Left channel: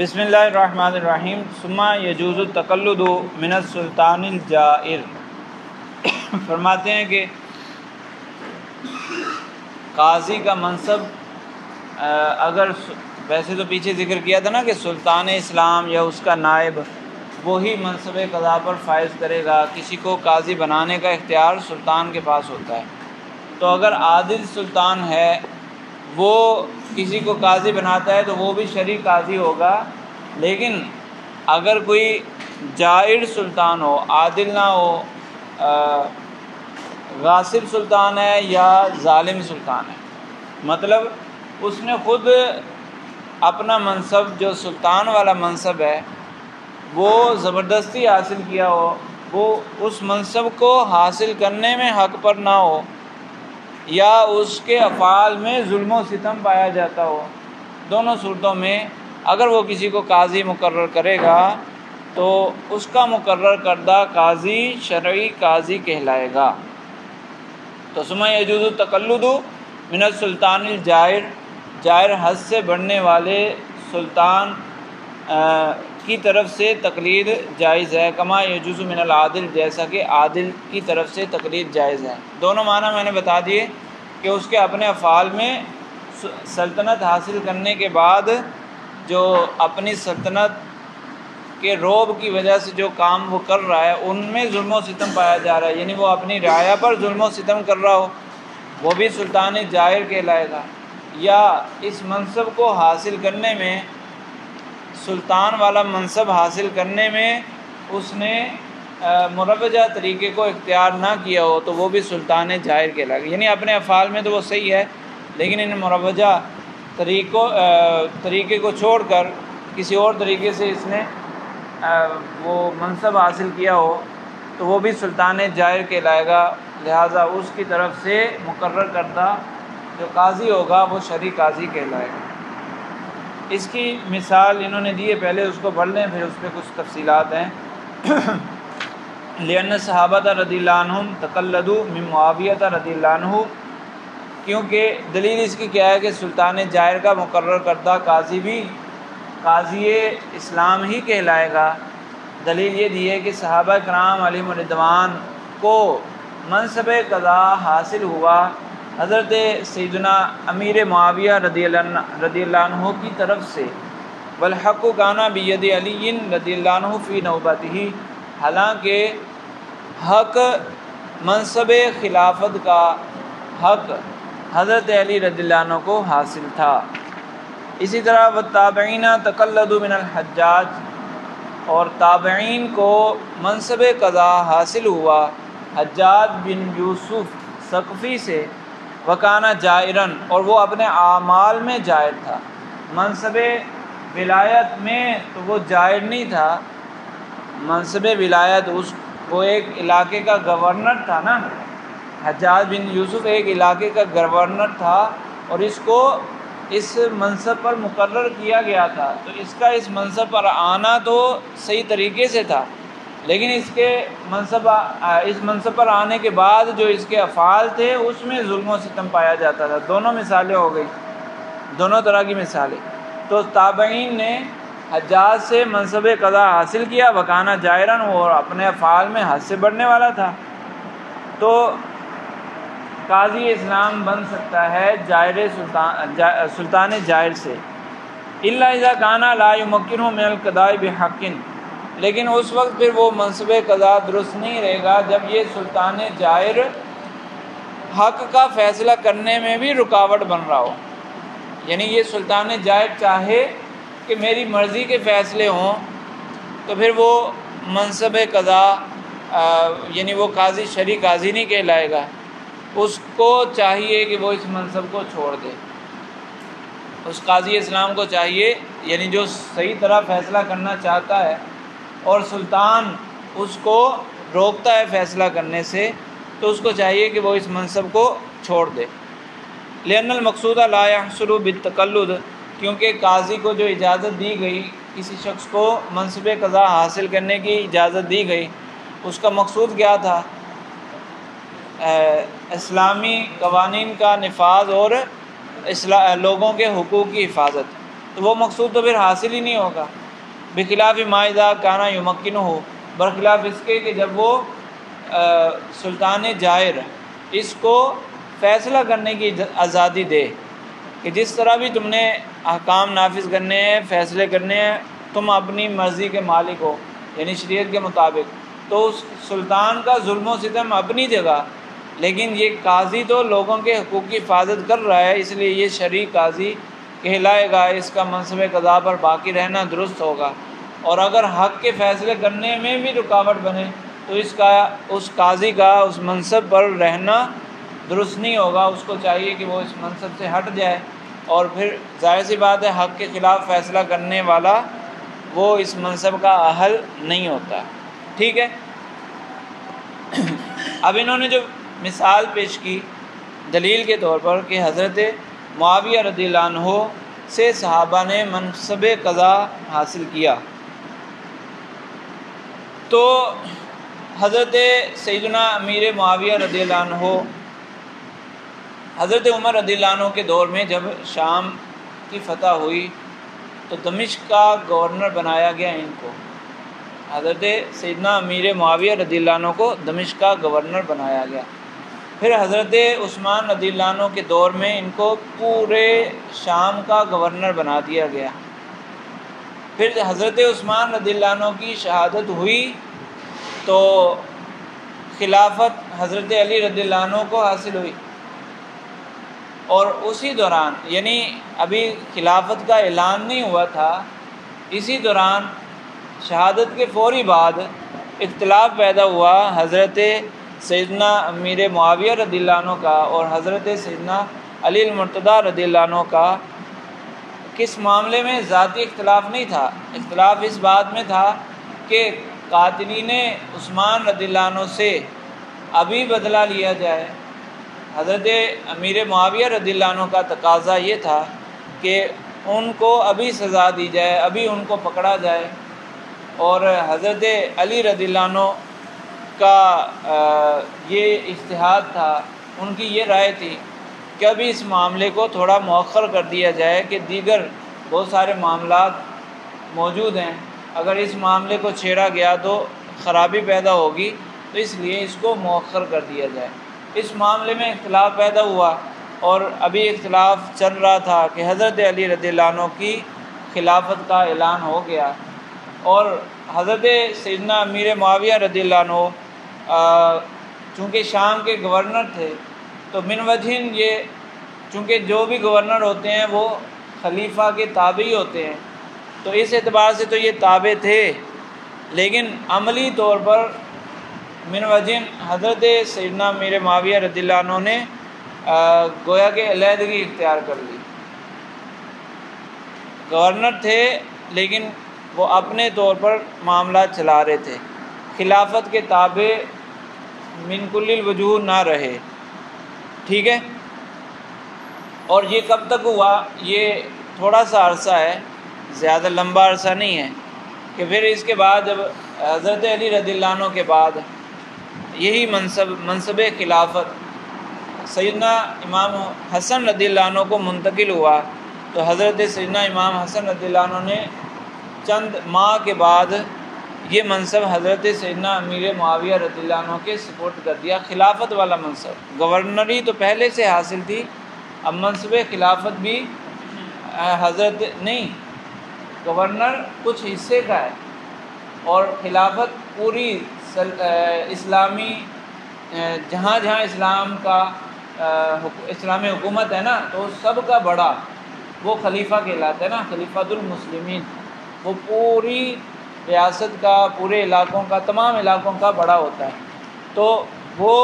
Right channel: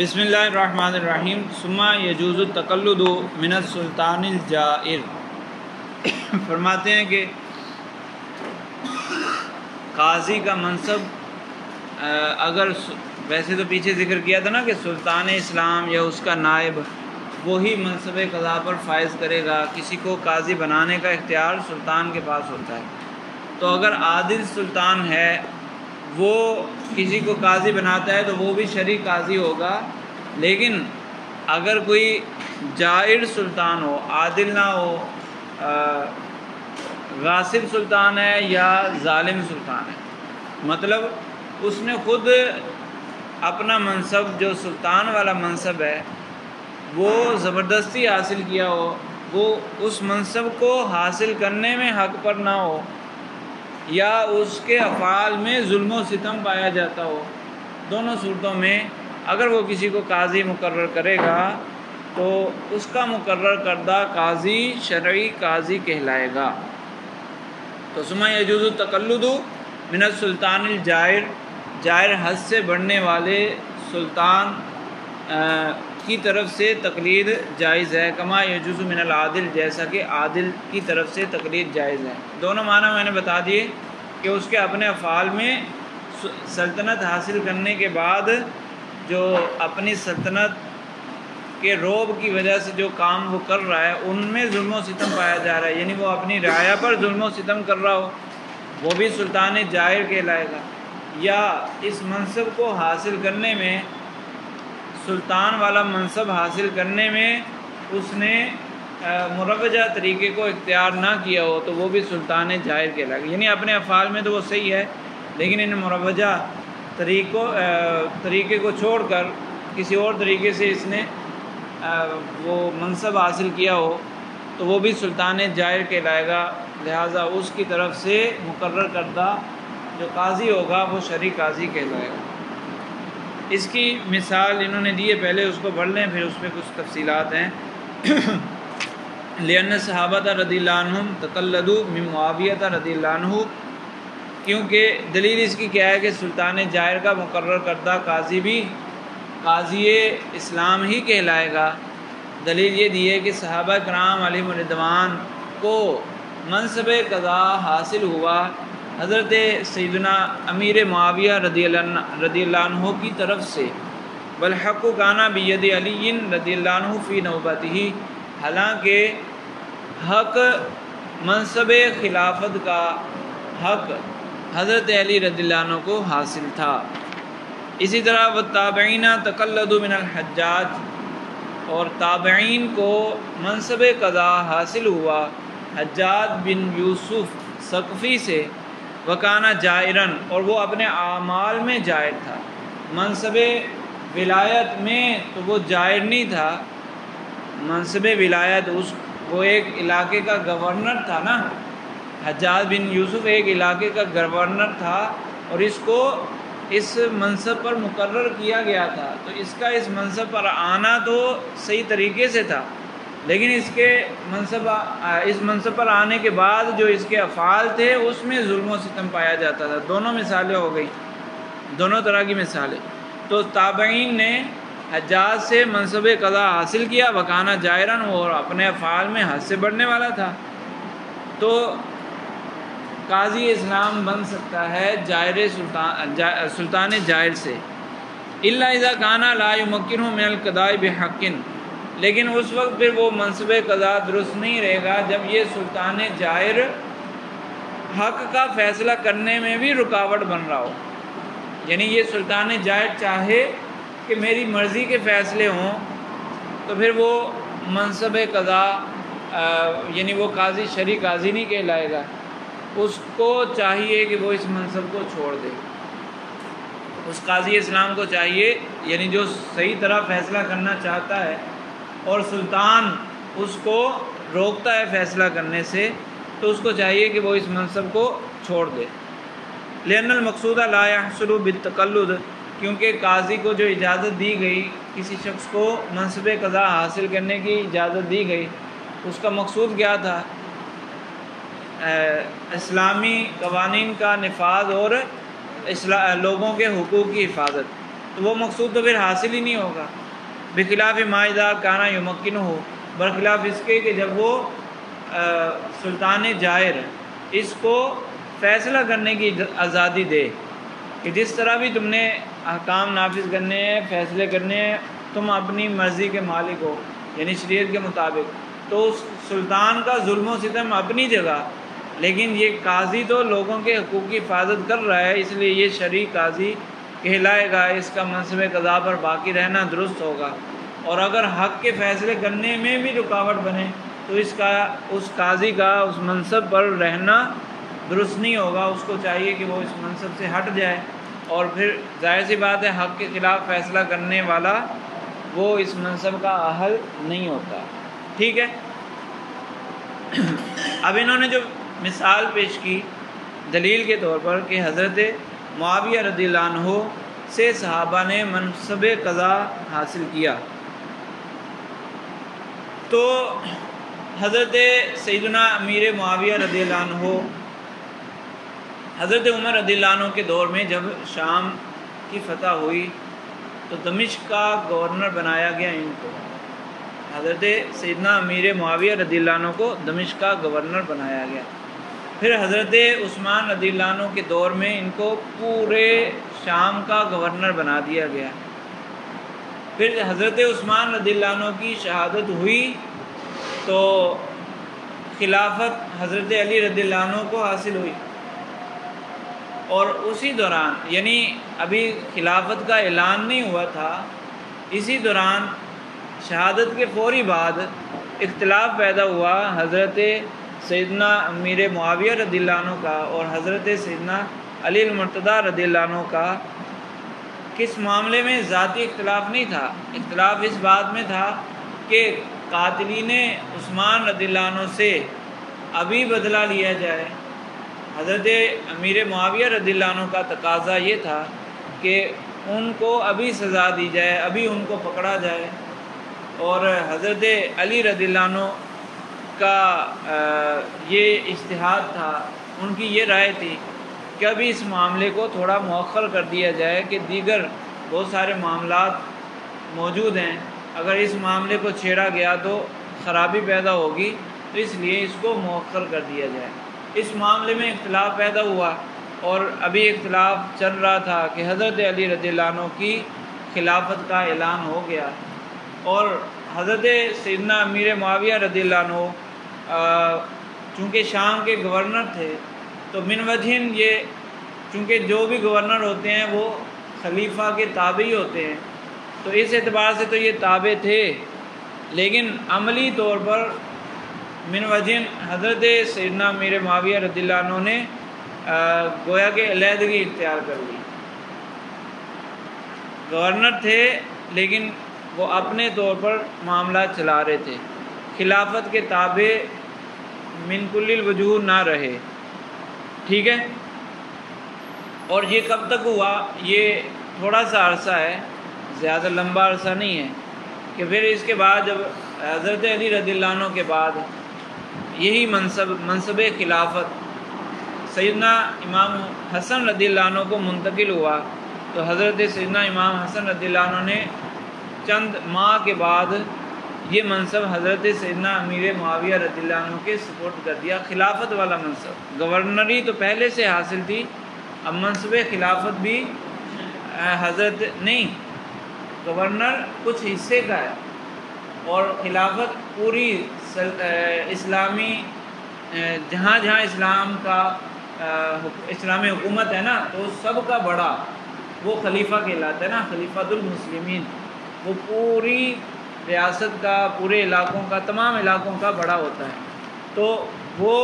بسم اللہ الرحمن الرحیم ثم یجوز التقلد من السلطان الجائر۔ فرماتے ہیں کہ قاضی کا منصب اگر ویسے تو پیچھے ذکر کیا تھا نا کہ سلطان اسلام یا اس کا نائب وہی منصب قضا پر فائز کرے گا، کسی کو قاضی بنانے کا اختیار سلطان کے پاس ہوتا ہے۔ تو اگر عادل سلطان ہے وہ کسی کو قاضی بناتا ہے تو وہ بھی شرعی قاضی ہوگا، لیکن اگر کوئی جائر سلطان ہو، عادل نہ ہو، غاصب سلطان ہے یا ظالم سلطان ہے، مطلب اس نے خود اپنا منصب جو سلطان والا منصب ہے وہ زبردستی حاصل کیا ہو، وہ اس منصب کو حاصل کرنے میں حق پر نہ ہو، یا اس کے افعال میں ظلم و ستم پایا جاتا ہو، دونوں صورتوں میں اگر وہ کسی کو قاضی مقرر کرے گا تو اس کا مقرر کردہ قاضی شرعی قاضی کہلائے گا۔ تو ثم یجوز التقلد من السلطان الجائر، جائر حد سے بڑھنے والے سلطان کی طرف سے تقلید جائز ہے، کما یجوز من العادل، جیسا کہ عادل کی طرف سے تقلید جائز ہے۔ دونوں معنی میں نے بتا دیے کہ اس کے اپنے افعال میں سلطنت حاصل کرنے کے بعد جو اپنی سلطنت کے رعب کی وجہ سے جو کام وہ کر رہا ہے ان میں ظلم و ستم پایا جا رہا ہے، یعنی وہ اپنی رعایا پر ظلم و ستم کر رہا ہو، وہ بھی سلطان جائر کہلائے گا۔ یا اس منصب کو حاصل کرنے میں، سلطان والا منصب حاصل کرنے میں اس نے مروجہ طریقے کو اختیار نہ کیا ہو تو وہ بھی سلطان جائر کہلائے گا، یعنی اپنے افعال میں تو وہ صحیح ہے لیکن ان مروجہ طریقے کو چھوڑ کر کسی اور طریقے سے اس نے وہ منصب حاصل کیا ہو تو وہ بھی سلطان جائر کہلائے گا، لہٰذا اس کی طرف سے مقرر کردہ جو قاضی ہوگا وہ شرعی قاضی کہلائے گا۔ اس کی مثال انہوں نے دی ہے، پہلے اس کو پڑھ لیں پھر اس پہ کچھ تفصیلات ہیں۔ لأن صحابہ رضی اللہ عنہم تقلدوا من معاویہ رضی اللہ عنہ، کیونکہ دلیل اس کی کیا ہے کہ سلطان جائر کا مقرر کردہ قاضی بھی قاضی اسلام ہی کہلائے گا۔ دلیل یہ دی ہے کہ صحابہ کرام علیہم رضوان کو منصب قضا حاصل ہوا حضرت سیدنا امیر معاویہ رضی اللہ عنہ کی طرف سے، والحق کان بید علی رضی اللہ عنہ فی نوبتہ، حالانکہ حق منصب خلافت کا حق حضرت علی رضی اللہ عنہ کو حاصل تھا۔ اسی طرح والتابعین تقلدوا من الحجاج، اور تابعین کو منصب قضا حاصل ہوا حجاج بن یوسف ثقفی سے، وکانہ جائرن، اور وہ اپنے اعمال میں جائر تھا، منصب ولایت میں تو وہ جائر نہیں تھا، منصب ولایت وہ ایک علاقے کا گورنر تھا نا، حجاج بن یوسف ایک علاقے کا گورنر تھا اور اس کو اس منصب پر مقرر کیا گیا تھا، تو اس کا اس منصب پر آنا تو صحیح طریقے سے تھا، لیکن اس منصب پر آنے کے بعد جو اس کے افعال تھے اس میں ظلم و ستم پایا جاتا تھا۔ دونوں مثالیں ہو گئی، دونوں طرح کی مثالیں۔ تو تابعین نے حجاج سے منصب قضا حاصل کیا، وکانہ جائرن، اور اپنے افعال میں حد سے بڑھنے والا تھا، تو قاضی اسلام بن سکتا ہے سلطان جائر سے، الا اذا کان لا یمکنہ من القضاء بحق، لیکن اس وقت پھر وہ منصب قضا درست نہیں رہے گا جب یہ سلطان جائر حق کا فیصلہ کرنے میں بھی رکاوٹ بن رہا ہو، یعنی یہ سلطان جائر چاہے کہ میری مرضی کے فیصلے ہوں تو پھر وہ منصب قضا یعنی وہ قاضی شرعی قاضی نہیں کہلائے گا، اس کو چاہیے کہ وہ اس منصب کو چھوڑ دے، اس قاضی اسلام کو چاہیے، یعنی جو صحیح طرح فیصلہ کرنا چاہتا ہے اور سلطان اس کو روکتا ہے فیصلہ کرنے سے، تو اس کو چاہیے کہ وہ اس منصب کو چھوڑ دے۔ لأن المقصود لا يحصل بالتقلد، کیونکہ قاضی کو جو اجازت دی گئی، کسی شخص کو منصب قضا حاصل کرنے کی اجازت دی گئی، اس کا مقصود کیا تھا؟ اسلامی قوانین کا نفاذ اور لوگوں کے حقوق کی حفاظت۔ تو وہ مقصود تو پھر حاصل ہی نہیں ہوگا۔ بخلاف ما اذا کان یمکنہ، برخلاف اس کے کہ جب وہ سلطان جائر اس کو فیصلہ کرنے کی آزادی دے کہ جس طرح بھی تم نے احکام نافذ کرنے ہیں، فیصلے کرنے ہیں، تم اپنی مرضی کے مالک ہو، یعنی شریعت کے مطابق، تو اس سلطان کا ظلم و ستم اپنی جگہ، لیکن یہ قاضی تو لوگوں کے حقوق کی حفاظت کر رہا ہے، اس لیے یہ شرعی قاضی کہلائے گا، اس کا منصب قضا پر باقی رہنا درست ہوگا۔ اور اگر حق کے فیصلے کرنے میں بھی رکاوٹ بنے تو اس قاضی کا اس منصب پر رہنا درست نہیں ہوگا، اس کو چاہیے کہ وہ اس منصب سے ہٹ جائے، اور پھر ظاہر سی بات ہے حق کے خلاف فیصلہ کرنے والا وہ اس منصب کا اہل نہیں ہوتا۔ ٹھیک ہے، اب انہوں نے جو مثال پیش کی دلیل کے طور پر کہ حضرت معاویہ رضی اللہ عنہ سے صحابہ نے منصب قضا حاصل کیا، تو حضرت سیدنا امیر معاویہ رضی اللہ عنہ حضرت عمر رضی اللہ عنہ کے دور میں جب شام کی فتح ہوئی تو دمشق کا گورنر بنایا گیا ان کو، حضرت سیدنا امیر معاویہ رضی اللہ عنہ کو دمشق کا گورنر بنایا گیا۔ پھر حضرت عثمان رضی اللہ عنہ کے دور میں ان کو پورے شام کا گورنر بنا دیا گیا۔ پھر حضرت عثمان رضی اللہ عنہ کی شہادت ہوئی تو خلافت حضرت علی رضی اللہ عنہ کو حاصل ہوئی، اور اسی دوران یعنی ابھی خلافت کا اعلان نہیں ہوا تھا، اسی دوران شہادت کے فوری بعد اختلاف پیدا ہوا حضرت سیدنا امیر معاویہ رضی اللہ عنہ کا اور حضرت سیدنا علی المرتضیٰ رضی اللہ عنہ کا۔ کس معاملے میں؟ ذاتی اختلاف نہیں تھا، اختلاف اس بات میں تھا کہ قاتلین عثمان رضی اللہ عنہ سے ابھی بدلہ لیا جائے۔ حضرت امیر معاویہ رضی اللہ عنہ کا تقاضا یہ تھا کہ ان کو ابھی سزا دی جائے، ابھی ان کو پکڑا جائے، اور حضرت علی رضی اللہ عنہ کا یہ اجتہاد تھا، ان کی یہ رائے تھی کہ ابھی اس معاملے کو تھوڑا مؤخر کر دیا جائے کہ دیگر بہت سارے معاملات موجود ہیں، اگر اس معاملے کو چھیڑا گیا تو خرابی پیدا ہوگی، تو اس لیے اس کو مؤخر کر دیا جائے۔ اس معاملے میں اختلاف پیدا ہوا، اور ابھی اختلاف چل رہا تھا کہ حضرت علی رضی اللہ عنہ کی خلافت کا اعلان ہو گیا، اور حضرت سیدنا امیر معاویہ رضی اللہ عنہ چونکہ شام کے گورنر تھے تو من وجہن یہ چونکہ جو بھی گورنر ہوتے ہیں وہ خلیفہ کے تابعی ہوتے ہیں، تو اس اعتبار سے تو یہ تابع تھے، لیکن عملی طور پر من وجہن حضرت سیدنا امیر معاویہ رضی اللہ عنہ نے گویا کہ علیحدگی اختیار کر لی۔ گورنر تھے لیکن وہ اپنے طور پر معاملات چلا رہے تھے، خلافت کے تابع من کل الوجوہ نہ رہے۔ ٹھیک ہے، اور یہ کب تک ہوا؟ یہ تھوڑا سا عرصہ ہے، زیادہ لمبا عرصہ نہیں ہے، کہ پھر اس کے بعد جب حضرت علی رضی اللہ عنہ کے بعد یہی منصب خلافت سیدنا امام حسن رضی اللہ عنہ کو منتقل ہوا، تو حضرت سیدنا امام حسن رضی اللہ عنہ نے چند ماہ کے بعد یہ منصب حضرت سیدنا امیر معاویہ رضی اللہ عنہ کے سپرد کر دیا، خلافت والا منصب۔ گورنری تو پہلے سے حاصل تھی، اب منصب خلافت بھی حضرت نہیں، گورنر کچھ حصے کا ہے، اور خلافت پوری اسلامی جہاں جہاں اسلامی حکومت ہے نا، تو سب کا بڑا وہ خلیفہ کہلاتا ہے نا، خلیفۃ المسلمین، وہ پوری ریاست کا، پورے علاقوں کا، تمام علاقوں کا بڑا ہوتا ہے۔ تو وہ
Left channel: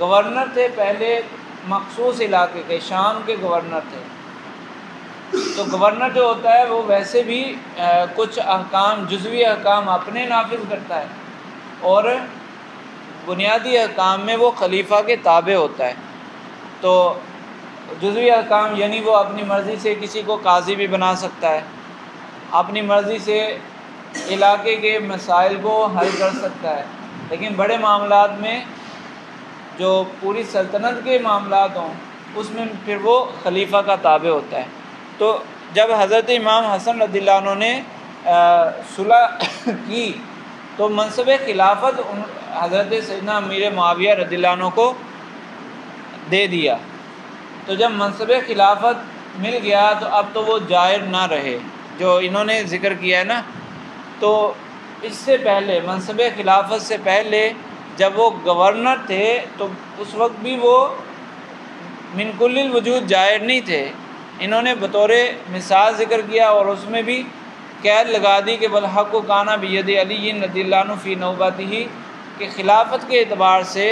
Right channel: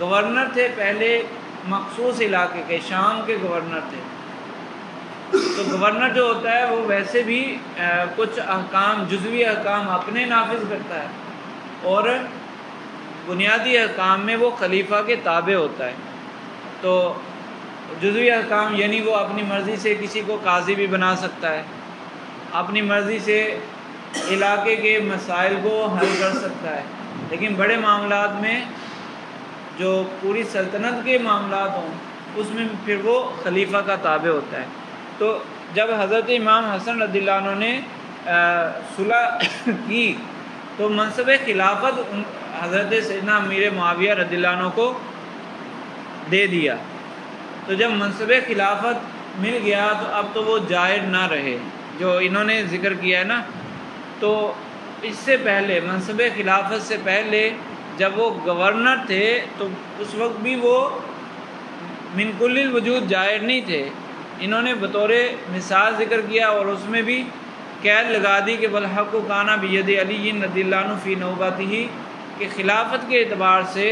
گورنر تھے پہلے مخصوص علاقے کے، شام کے گورنر تھے۔ تو گورنر جو ہوتا ہے وہ ویسے بھی کچھ احکام، جزوی احکام اپنے نافذ کرتا ہے، اور بنیادی احکام میں وہ خلیفہ کے تابع ہوتا ہے۔ تو جزوی احکام یعنی وہ اپنی مرضی سے کسی کو قاضی بھی بنا سکتا ہے، اپنی مرضی سے علاقے کے مسائل کو حل کر سکتا ہے، لیکن بڑے معاملات میں جو پوری سلطنت کے معاملات ہوں اس میں پھر وہ خلیفہ کا تابع ہوتا ہے۔ تو جب حضرت امام حسن رضی اللہ عنہ نے صلح کی تو منصب خلافت حضرت سیدنا امیر معاویہ رضی اللہ عنہ کو دے دیا. تو جب منصب خلافت مل گیا تو اب تو وہ جائر نہ رہے جو انہوں نے ذکر کیا ہے نا. تو اس سے پہلے منصب خلافت سے پہلے جب وہ گورنر تھے تو اس وقت بھی وہ من کل الوجود جائر نہیں تھے. انہوں نے بطور مثال ذکر کیا اور اس میں بھی قید لگا دی کہ بالحق و کانا بید علی رضی اللہ عنہ فی نوبتہ، کہ خلافت کے اعتبار سے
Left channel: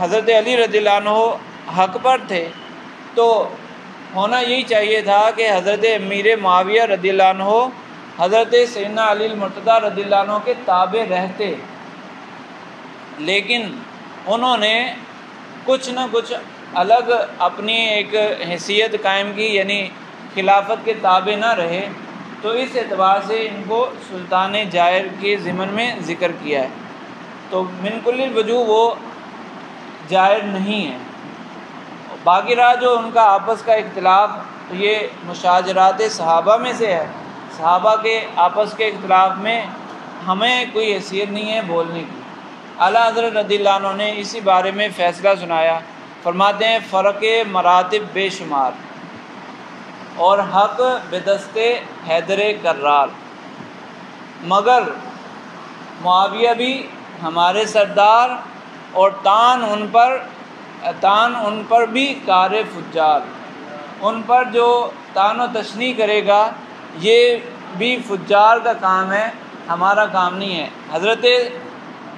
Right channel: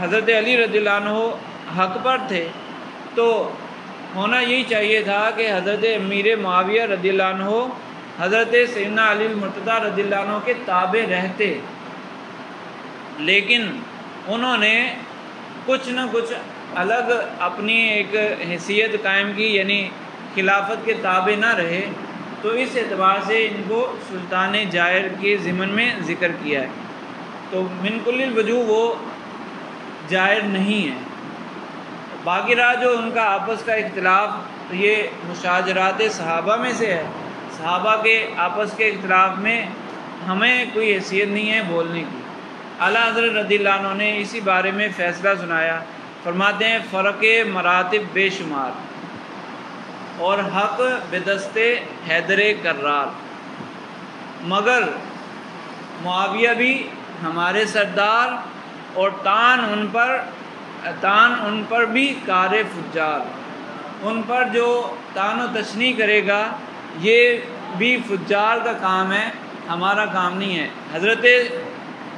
حضرت علی رضی اللہ عنہ حق پر تھے. تو ہونا یہی چاہیے تھا کہ حضرت امیر معاویہ رضی اللہ عنہ حضرت سیدنا علی المرتضیٰ رضی اللہ عنہ کے تابع رہتے، لیکن انہوں نے کچھ نہ کچھ الگ اپنی ایک حیثیت قائم کی، یعنی خلافت کے تابع نہ رہے. تو اس اعتبار سے ان کو سلطان جائر کے ضمن میں ذکر کیا ہے. تو من کل الوجوہ وہ جائر نہیں ہے. باقی رہا جو ان کا آپس کا اختلاف، یہ مشاجرات صحابہ میں سے ہے. صحابہ کے آپس کے اختلاف میں ہمیں کوئی حیثیت نہیں ہے بولنے کی. اعلیٰ حضرت رضی اللہ عنہ نے اسی بارے میں فیصلہ سنایا. فرماتے ہیں فرق مراتب بے شمار اور حق بدست حیدر کرار، مگر معاویہ بھی ہمارے سردار اور تان ان پر بھی کار فجار، ان پر جو تان و تشنیع کرے گا یہ بھی فجار کا کام ہے، ہمارا کام نہیں ہے. حضرت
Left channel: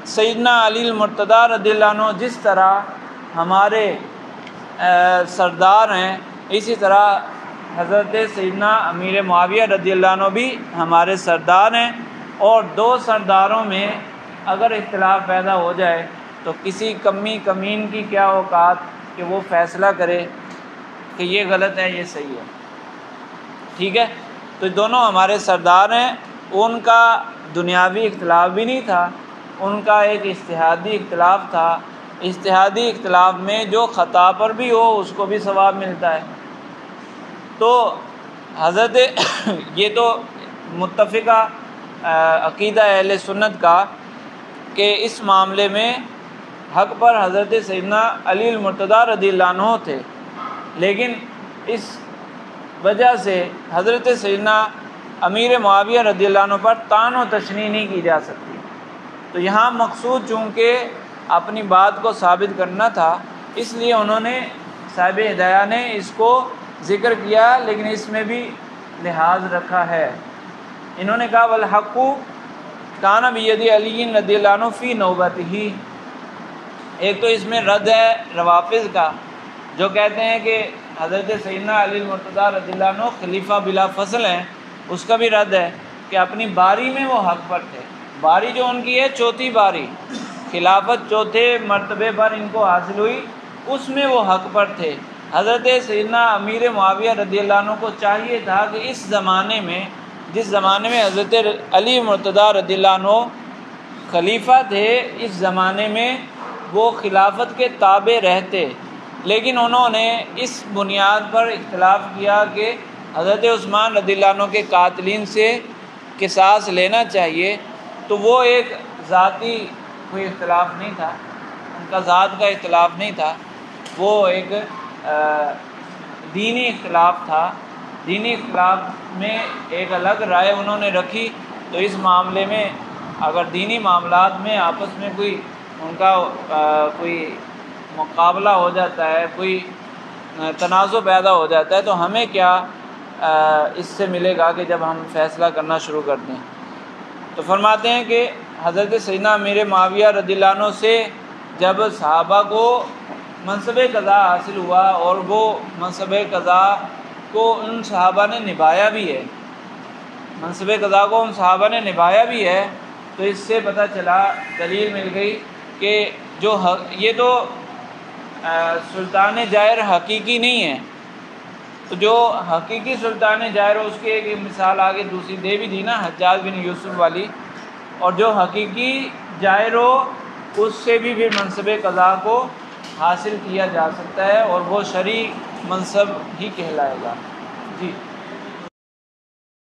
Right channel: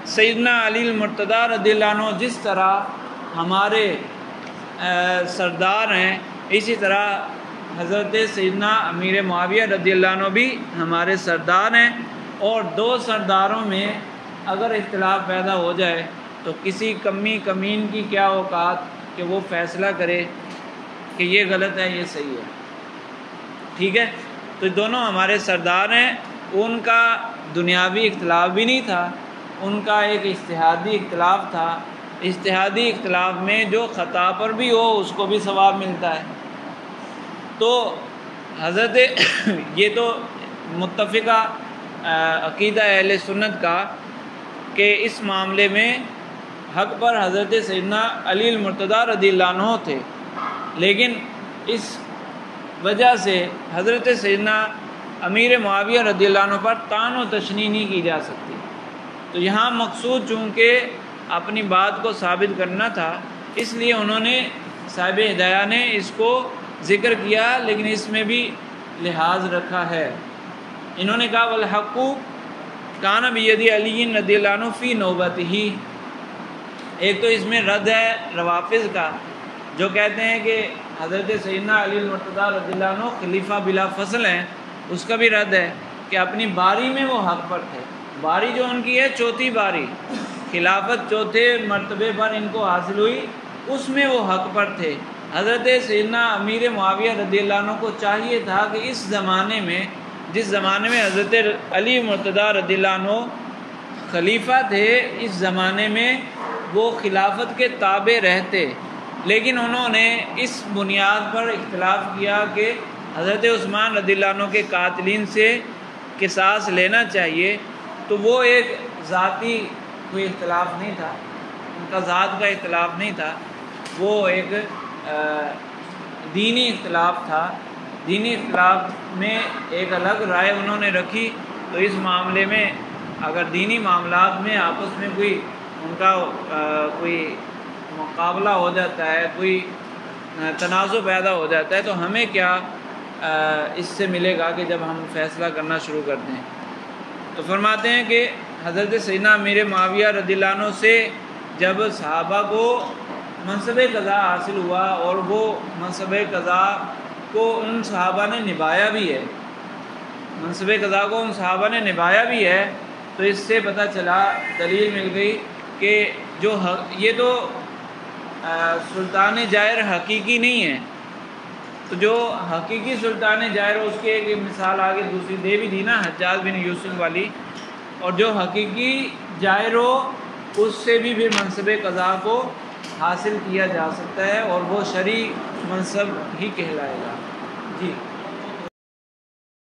سیدنا علی المرتضیٰ رضی اللہ عنہ جس طرح ہمارے سردار ہیں، اسی طرح حضرت سیدنا امیر معاویہ رضی اللہ عنہ بھی ہمارے سردار ہیں. اور دو سرداروں میں اگر اختلاف پیدا ہو جائے تو کسی کمین کی کیا اوقات کہ وہ فیصلہ کرے کہ یہ غلط ہے یہ صحیح ہے. ٹھیک ہے، تو دونوں ہمارے سردار ہیں. ان کا دنیاوی اختلاف بھی نہیں تھا، ان کا ایک اجتہادی اختلاف تھا. اجتہادی اختلاف میں جو خطا پر بھی ہو اس کو بھی ثواب ملتا ہے. تو حضرت یہ تو متفقہ عقیدہ اہل سنت کا کہ اس معاملے میں حق پر حضرت سیدنا علی المرتضیٰ رضی اللہ عنہ تھے، لیکن اس وجہ سے حضرت سیدنا امیر معاویہ رضی اللہ عنہ پر طعن و تشنیع نہیں کی جا سکتی. تو یہاں مقصود چونکہ اپنی بات کو ثابت کرنا تھا، اس لیے انہوں نے صاحب ہدایہ نے اس کو ذکر کیا، لیکن اس میں بھی لحاظ رکھا ہے. انہوں نے کہا والحق کان بید علی رضی اللہ عنہ فی نوبتہ. ایک تو اس میں رد ہے روافض کا جو کہتے ہیں کہ حضرت سیدنا علی المرتضیٰ رضی اللہ عنہ خلیفہ بلا فصل ہیں. اس کا بھی رد ہے کہ اپنی باری میں وہ حق پر تھے. باری جو ان کی ہے چوتھی باری، خلافت چوتھے مرتبے پر ان کو حاصل ہوئی، اس میں وہ حق پر تھے. حضرت سیدنا امیر معاویہ رضی اللہ عنہ کو چاہیے تھا کہ اس زمانے میں، جس زمانے میں حضرت علی مرتضیٰ رضی اللہ عنہ خلیفہ تھے، اس زمانے میں وہ خلافت کے تابع رہتے. لیکن انہوں نے اس بنیاد پر اختلاف کیا کہ حضرت عثمان رضی اللہ عنہ کے قاتلین سے قصاص لینا چاہیے. تو وہ ایک ذاتی کوئی اختلاف نہیں تھا، ان کا ذات کا اختلاف نہیں تھا، وہ ایک دینی اختلاف تھا. دینی اختلاف میں ایک الگ رائے انہوں نے رکھی. تو اس معاملے میں اگر دینی معاملات میں آپس میں کوئی ان کا کوئی مقابلہ ہو جاتا ہے، کوئی تنازع پیدا ہو جاتا ہے، تو ہمیں کیا اس سے ملے گا کہ جب ہم فیصلہ کرنا شروع کر دیں. تو فرماتے ہیں کہ حضرت سیدنا امیر معاویہ رضی اللہ عنہ سے جب صحابہ کو منصب قضا حاصل ہوا اور وہ منصب قضا کو ان صحابہ نے نبھایا بھی ہے، منصب قضا کو ان صحابہ نے نبھایا بھی ہے، تو اس سے پتہ چلا، دلیل مل گئی کہ جو یہ تو سلطان جائر حقیقی نہیں ہے. تو جو حقیقی سلطان جائر اس کی ایک مثال آگے دوسری دے بھی دی نا، حجاج بن یوسف والی. اور جو حقیقی جائر ہو اس سے بھی پھر منصب قضا کو حاصل کیا جا سکتا ہے اور وہ شرعی منصب ہی کہلائے گا. جی.